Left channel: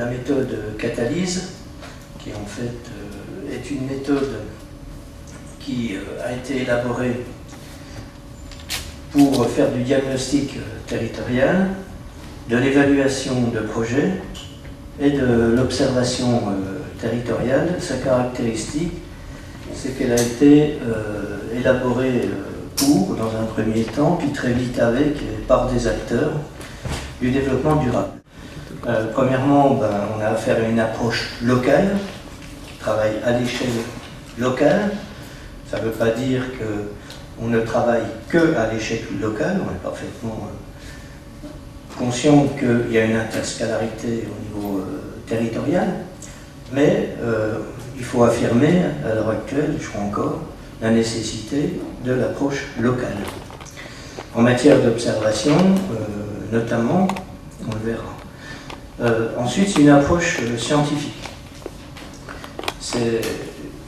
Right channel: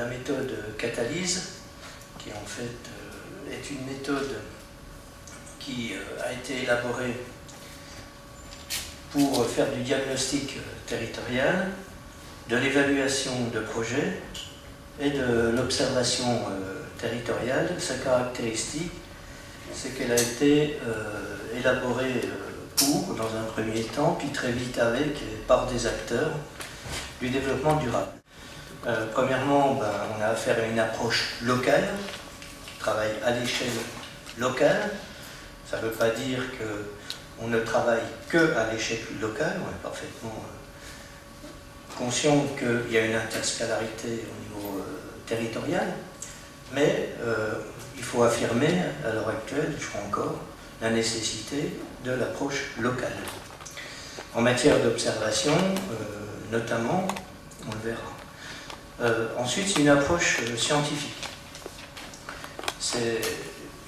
la méthode Catalyse, qui en fait est une méthode qui a été élaborée pour faire du diagnostic territorial, de l'évaluation de projets et de l'observation territoriale. Sa caractéristique, c'est qu'elle a été élaborée pour, dans un premier temps, puis très vite avec et par des acteurs du développement durable. Premièrement, on a affaire à une approche locale, qui travaille à l'échelle locale. Ça ne veut pas dire qu'on ne travaille que à l'échelle locale, on est parfaitement conscient qu'il y a une interscalarité au niveau territorial, mais il faut affirmer, à l'heure actuelle, je crois encore, la nécessité de l'approche locale. En matière d'observation, notamment, on le verra. Ensuite, c'est une approche scientifique. C'est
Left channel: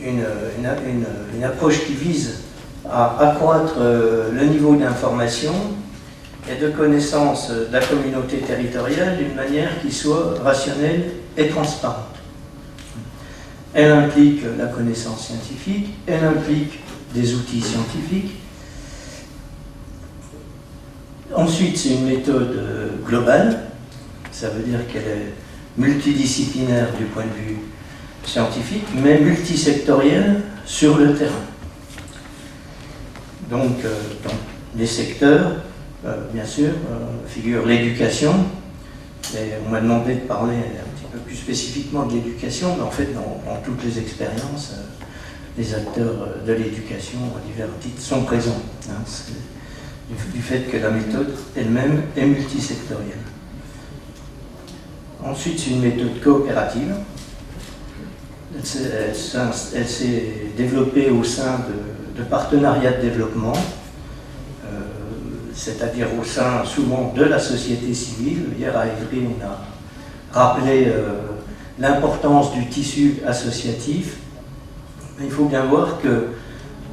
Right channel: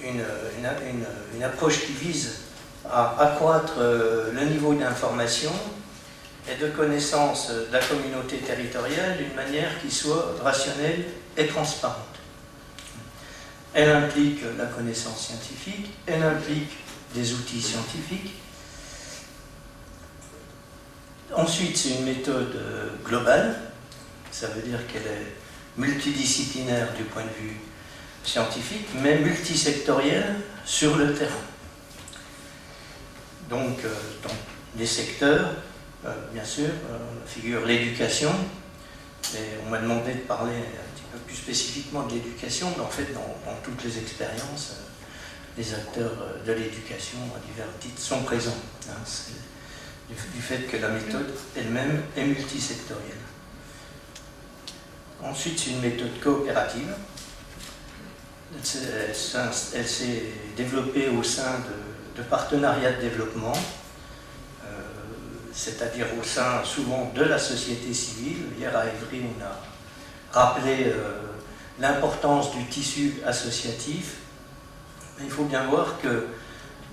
une approche qui vise à accroître le niveau d'information et de connaissance de la communauté territoriale d'une manière qui soit rationnelle et transparente. Elle implique la connaissance scientifique, elle implique des outils scientifiques. Ensuite, c'est une méthode globale, ça veut dire qu'elle est multidisciplinaire du point de vue scientifique, mais multisectorielle sur le terrain. Donc, dans les secteurs, bien sûr, figure l'éducation, et on m'a demandé de parler un petit peu plus spécifiquement de l'éducation, mais en fait, dans toutes les expériences, les acteurs de l'éducation à divers titres sont présents, du fait que la méthode elle-même est multisectorielle. Ensuite, c'est une méthode coopérative. Elle s'est développée au sein de partenariats de développement, c'est-à-dire au sein souvent de la société civile. Hier à Évry, on a rappelé l'importance du tissu associatif. Il faut bien voir que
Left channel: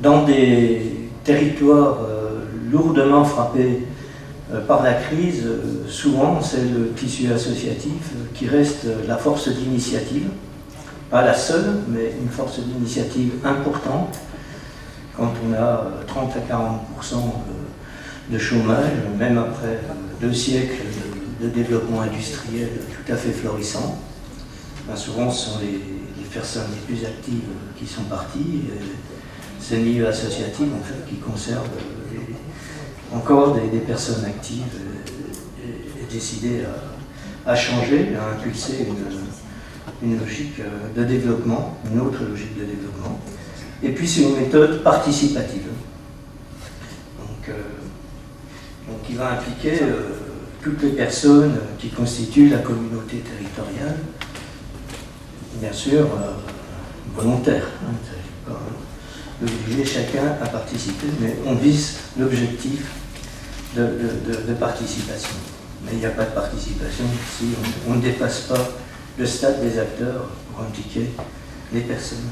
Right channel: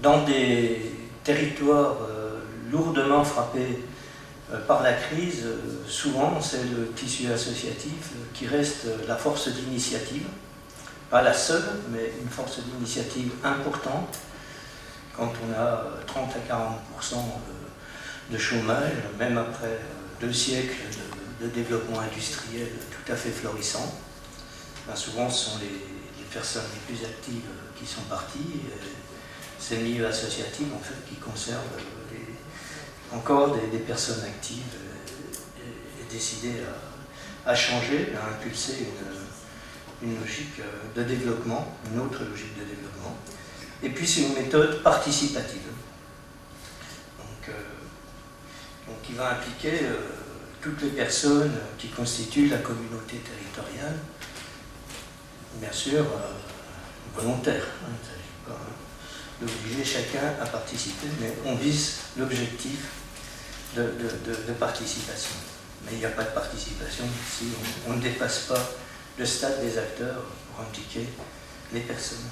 dans des territoires lourdement frappés par la crise, souvent c'est le tissu associatif qui reste la force d'initiative. Pas la seule, mais une force d'initiative importante quand on a 30 à 40% de chômage, même après 2 siècles de développement industriel tout à fait florissant. Souvent, ce sont les personnes les plus actives qui sont parties. C'est le milieu associatif en fait, qui conserve encore des personnes actives et décidées à changer, à impulser une logique de développement, une autre logique de développement. Et puis c'est une méthode participative. Donc qui va impliquer toutes les personnes qui constituent la communauté territoriale, bien sûr volontaire. Il ne s'agit pas d'obliger chacun à participer, mais on vise l'objectif de participation. Mais il n'y a pas de participation si on ne dépasse pas le stade des acteurs pour impliquer les personnes.